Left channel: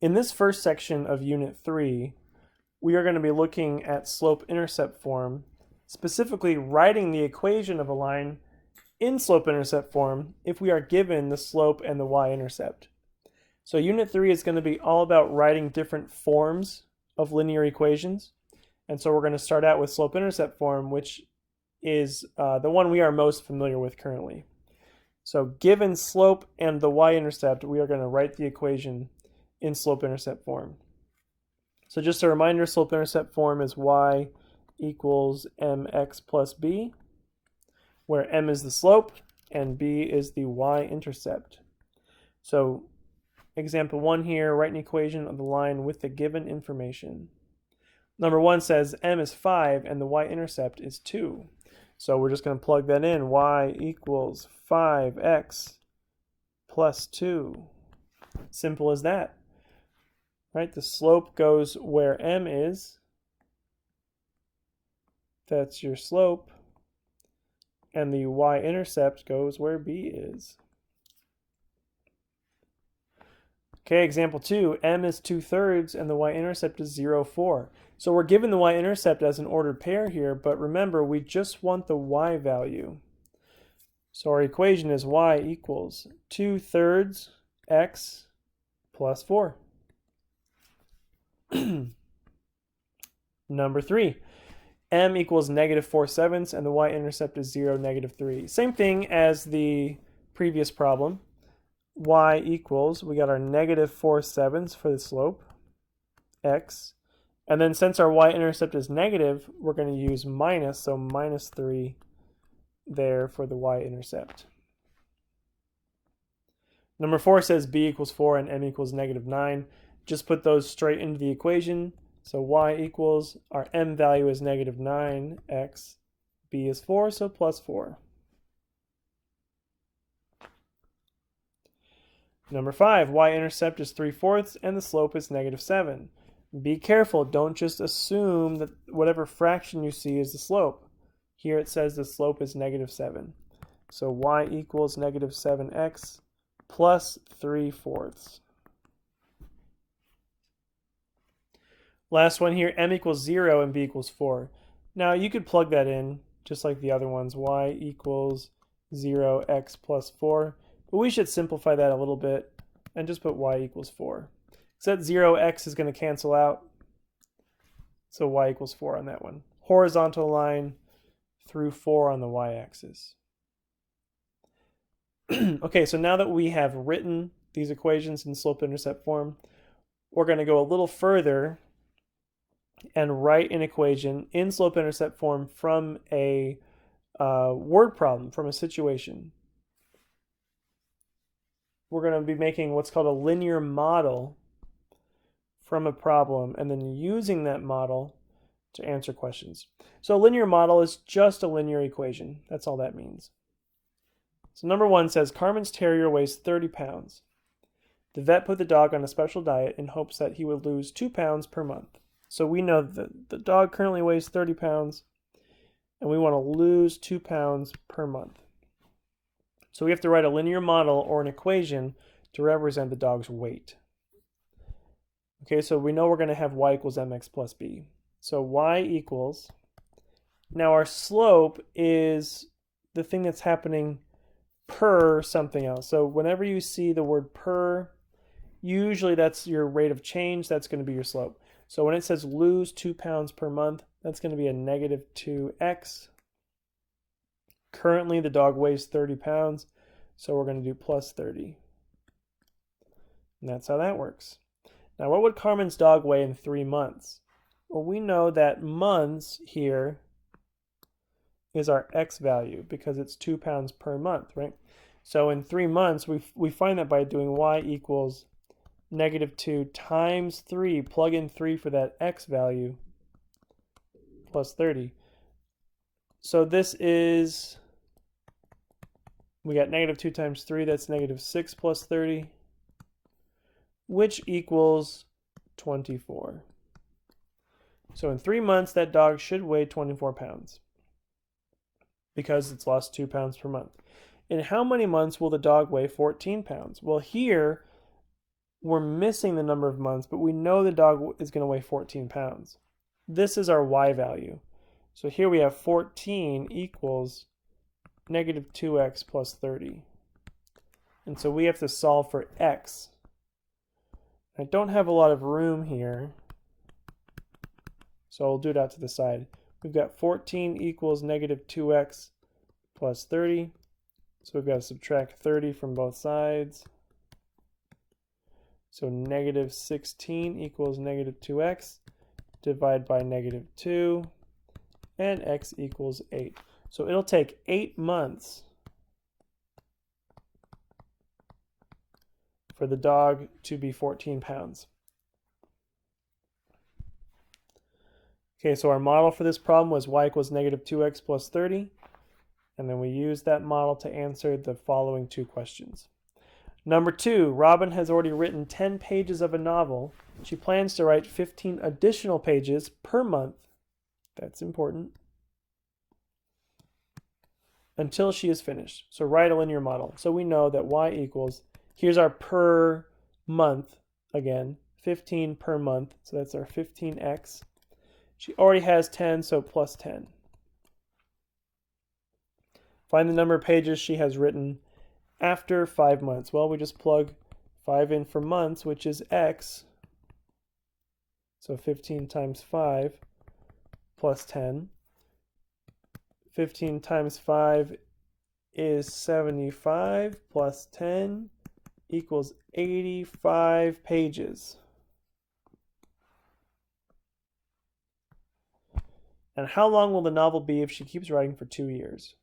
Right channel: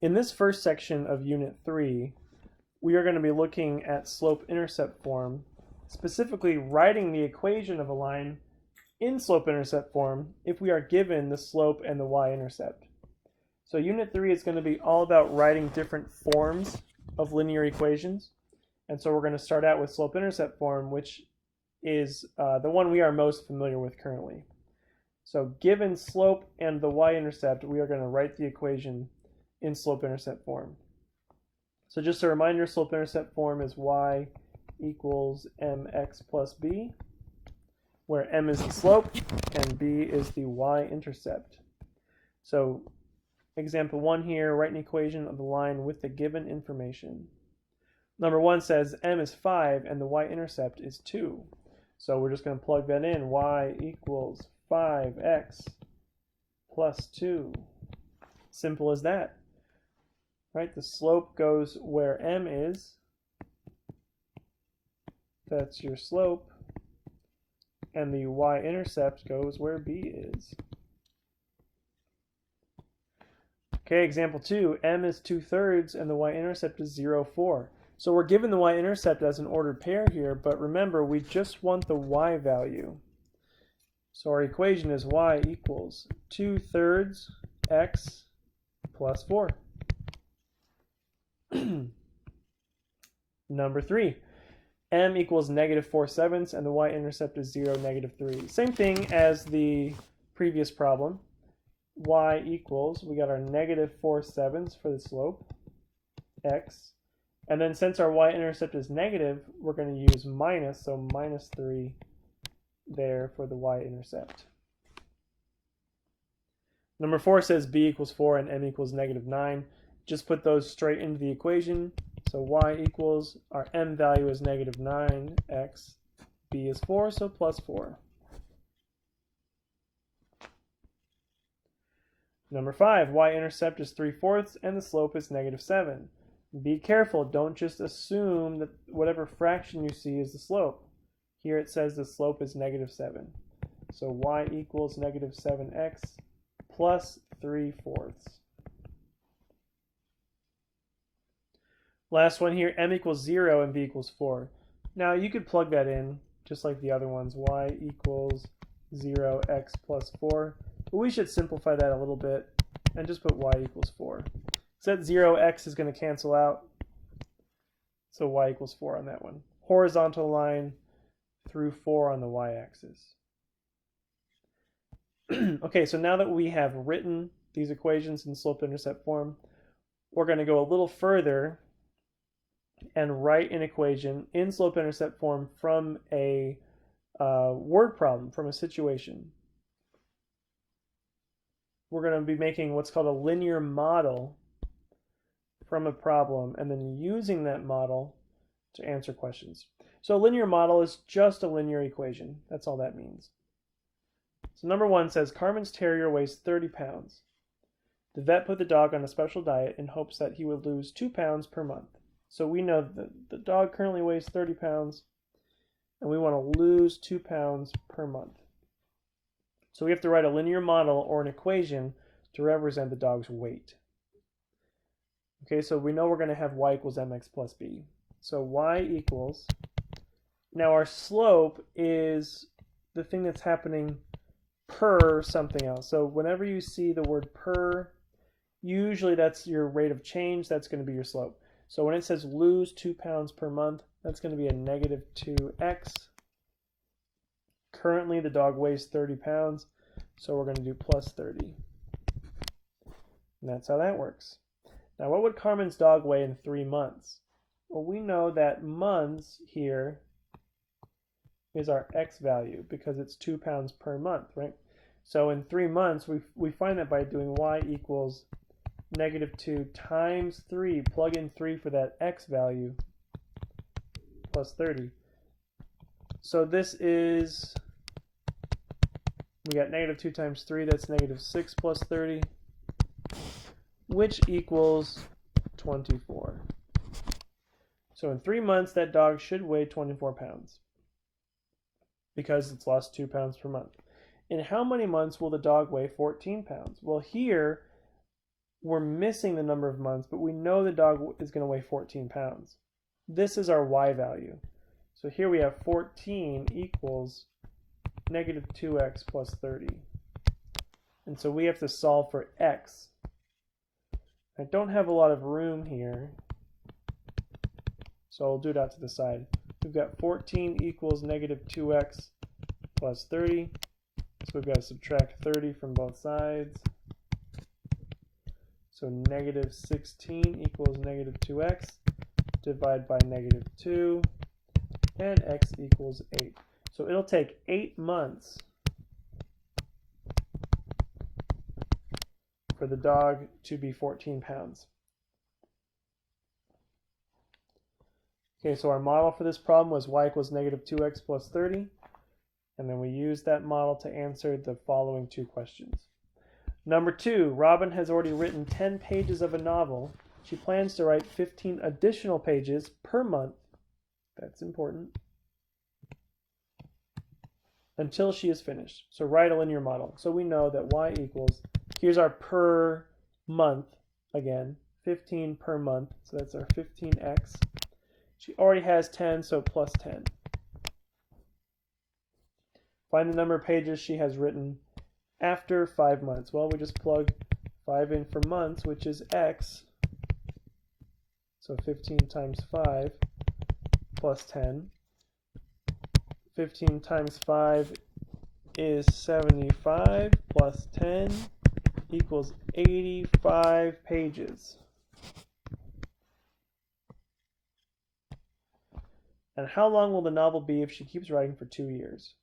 In this first section of Unit 3, we are going to be looking at slope-intercept form, specifically writing the equation of a line in slope-intercept form if we are given the slope and the y-intercept. So Unit 3 is going to be all about writing different forms of linear equations. And so we're going to start out with slope-intercept form, which is the one we are most familiar with currently. So given slope and the y-intercept, we are going to write the equation in slope-intercept form. So just a reminder, slope-intercept form is y equals mx plus b, where m is the slope and b is the y-intercept. So example 1 here, write an equation of the line with the given information. Number 1 says m is 5 and the y-intercept is 2. So we're just going to plug that in. Y equals 5x plus 2. Simple as that. Right? The slope goes where m is. That's your slope. And the y-intercept goes where b is. Okay, example 2, m is 2/3 and the y-intercept is 0, 4. So we're given the y-intercept as an ordered pair here, but remember, we just want the y value. So our equation is y equals 2/3 x plus 4. Number 3, m equals -4/7 and the y-intercept is 0, -3. Same thing as the previous problem. Y equals, we got our -4/7 for the slope, x. And then since our y-intercept is negative, we're going to use minus, so -3 there for the y-intercept. Number 4 says b equals 4 and m equals -9. Just put those straight into the equation. So y equals, our m value is -9x, b is 4, so plus 4. Number 5, y-intercept is 3/4 and the slope is -7. Be careful, don't just assume that whatever fraction you see is the slope. Here it says the slope is -7. So y equals -7x plus 3/4. Last one here, m equals 0 and b equals 4. Now you could plug that in just like the other ones, y equals 0x plus 4. But we should simplify that a little bit and just put y equals 4. So that 0x is going to cancel out. So y equals 4 on that one. Horizontal line through 4 on the y-axis. Okay, so now that we have written these equations in slope-intercept form, we're going to go a little further and write an equation in slope-intercept form from a word problem, from a situation. We're going to be making what's called a linear model from a problem and then using that model to answer questions. So a linear model is just a linear equation. That's all that means. So number 1 says Carmen's terrier weighs 30 pounds. The vet put the dog on a special diet in hopes that he would lose 2 pounds per month. So we know that the dog currently weighs 30 pounds and we want to lose 2 pounds per month. So we have to write a linear model or an equation to represent the dog's weight. Okay, so we know we're going to have y equals mx plus b. So y equals, now our slope is the thing that's happening per something else. So whenever you see the word per, usually that's your rate of change, that's going to be your slope. So when it says lose 2 pounds per month, that's going to be a -2x. Currently the dog weighs 30 pounds, so we're going to do plus 30. And that's how that works. Now what would Carmen's dog weigh in 3 months? Well, we know that months here is our x value because it's 2 pounds per month, right? So in 3 months, we find that by doing y equals -2 times 3, plug in 3 for that x value, plus 30. So this is, we got -2 times 3, that's -6 plus 30, which equals 24. So in 3 months, that dog should weigh 24 pounds because it's lost 2 pounds per month. In how many months will the dog weigh 14 pounds? Well, here we're missing the number of months, but we know the dog is going to weigh 14 pounds. This is our y value. So here we have 14 equals negative 2x plus 30. And so we have to solve for x. I don't have a lot of room here, so I'll do it out to the side. We've got 14 equals negative 2x plus 30. So we've got to subtract 30 from both sides. So negative 16 equals negative 2x. Divide by negative 2. And x equals 8. So it'll take 8 months for the dog to be 14 pounds. Okay, so our model for this problem was y equals negative 2x plus 30. And then we used that model to answer the following 2 questions. Number 2, Robin has already written 10 pages of a novel. She plans to write 15 additional pages per month. That's important. Until she is finished. So write a linear model. So we know that y equals, here's our per month again, 15 per month. So that's our 15x. She already has 10, so plus 10. Find the number of pages she has written after 5 months. Well, we just plug 5 in for months, which is x. So 15 times 5 plus 10. 15 times 5 is 75 plus 10 equals 85 pages. And how long will the novel be if she keeps writing for 2 years?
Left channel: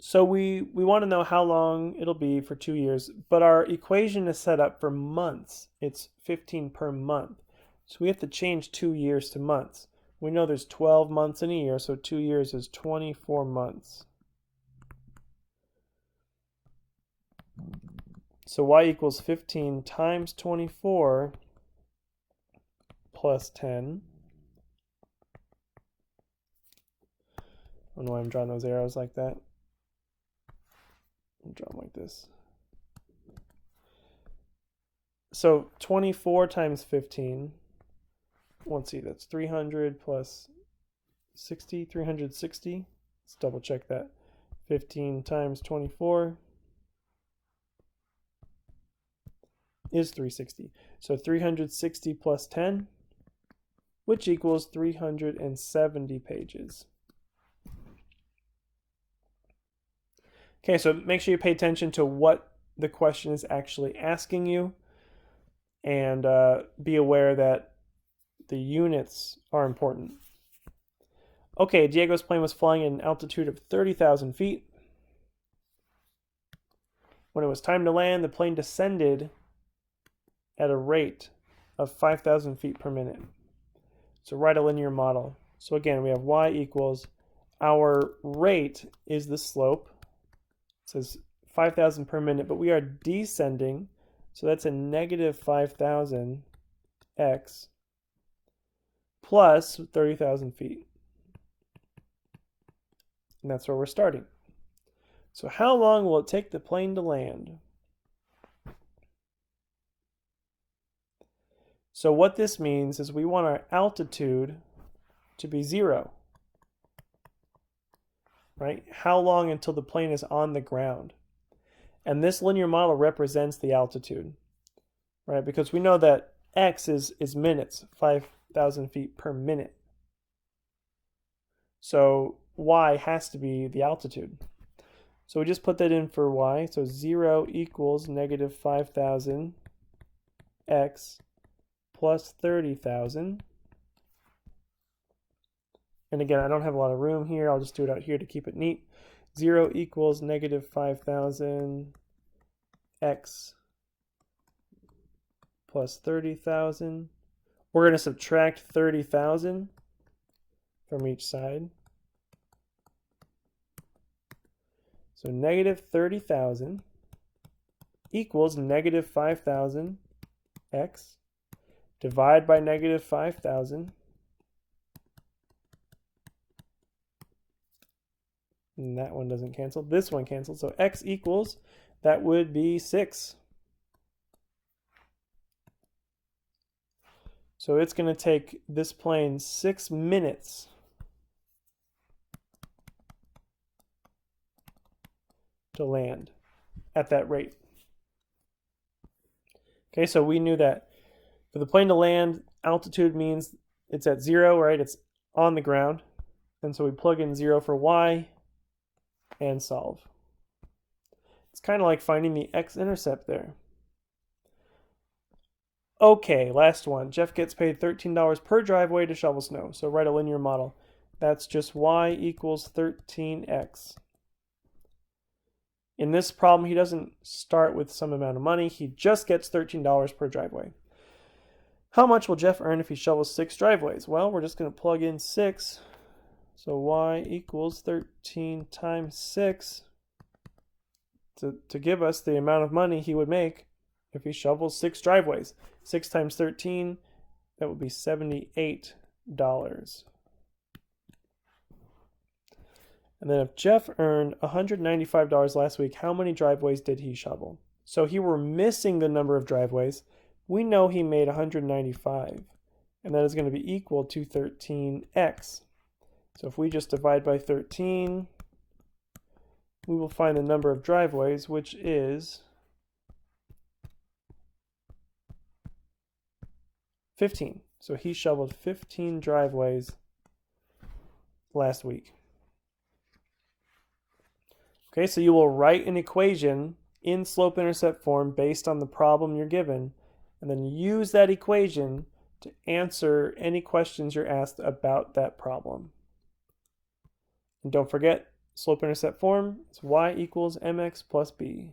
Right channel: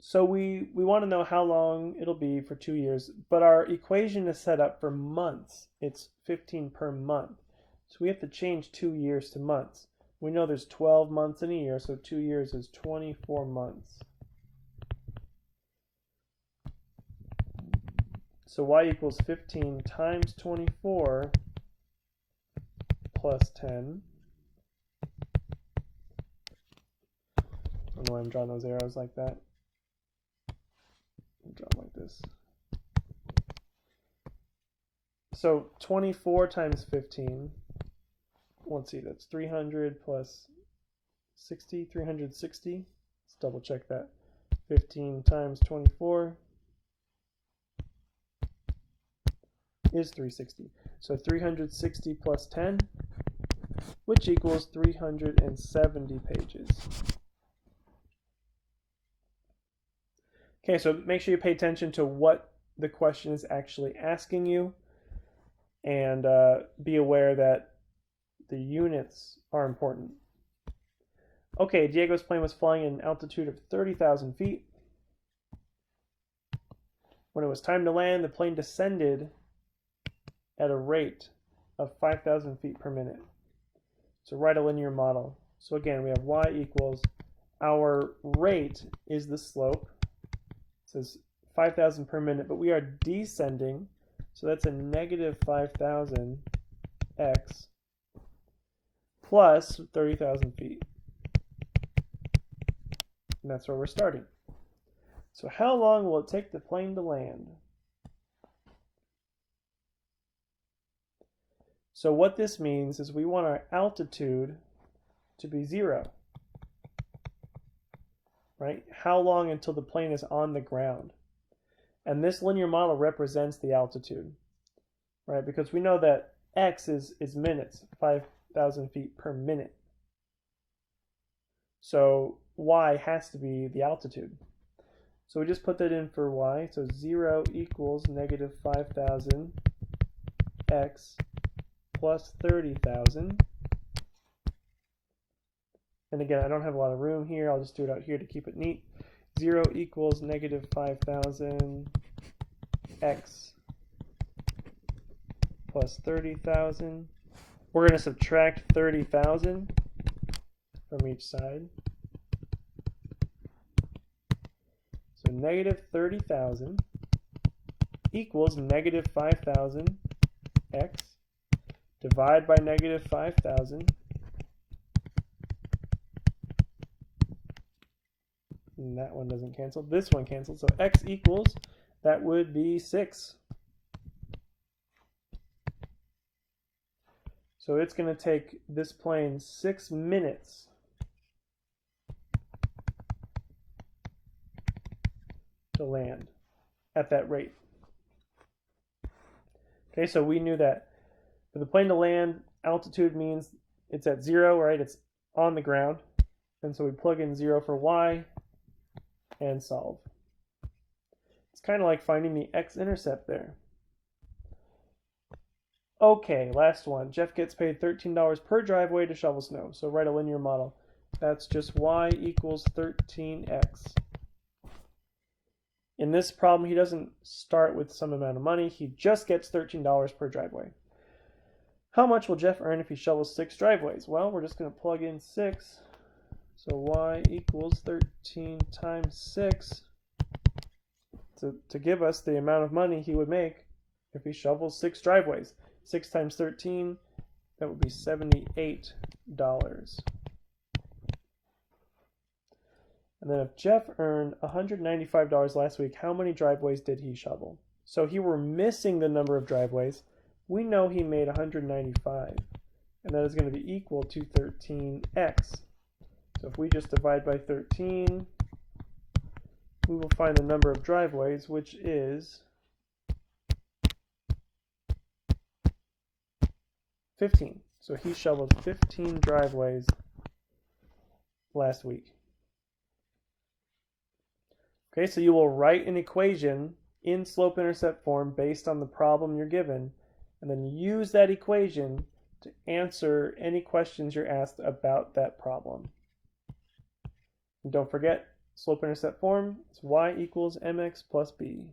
So we want to know how long it'll be for 2 years, but our equation is set up for months. It's 15 per month. So we have to change 2 years to months. We know there's 12 months in a year, so 2 years is 24 months. So y equals 15 times 24 plus 10. I don't know why I'm drawing those arrows like that. I'll draw them like this. So 24 times 15. Let's see, that's 300 plus 60, 360. Let's double check that. 15 times 24 is 360. So 360 plus 10, which equals 370 pages. Okay, so make sure you pay attention to what the question is actually asking you, and be aware that the units are important. Okay, Diego's plane was flying at an altitude of 30,000 feet. When it was time to land, the plane descended at a rate of 5,000 feet per minute. So write a linear model. So again, we have y equals, our rate is the slope. It says 5,000 per minute, but we are descending. So that's a negative 5,000 x plus 30,000 feet. And that's where we're starting. So how long will it take the plane to land? So what this means is we want our altitude to be 0. Right? How long until the plane is on the ground? And this linear model represents the altitude, right? Because we know that x is minutes, 5,000 feet per minute. So y has to be the altitude. So we just put that in for y. So 0 equals negative 5,000 x plus 30,000. And again, I don't have a lot of room here. I'll just do it out here to keep it neat. 0 equals negative 5,000 x plus 30,000. We're going to subtract 30,000 from each side. So negative 30,000 equals negative 5,000 x. Divide by negative 5,000. And that one doesn't cancel. This one cancels. So x equals, that would be 6. So it's going to take this plane 6 minutes to land at that rate. Okay, so we knew that for the plane to land, altitude means it's at 0, right? It's on the ground. And so we plug in 0 for y and solve. It's kind of like finding the x-intercept there. Okay, last one. Jeff gets paid $13 per driveway to shovel snow. So write a linear model. That's just y equals 13x. In this problem, he doesn't start with some amount of money. He just gets $13 per driveway. How much will Jeff earn if he shovels 6 driveways? Well, we're just going to plug in 6. So y equals 13 times 6 to give us the amount of money he would make if he shovels 6 driveways. 6 times 13, that would be $78. And then if Jeff earned $195 last week, how many driveways did he shovel? So here we're missing the number of driveways. We know he made 195, and that is going to be equal to 13x. So if we just divide by 13, we will find the number of driveways, which is 15. So he shoveled 15 driveways last week. Okay, so you will write an equation in slope-intercept form based on the problem you're given, and then use that equation to answer any questions you're asked about that problem. And don't forget, slope-intercept form is y equals mx plus b.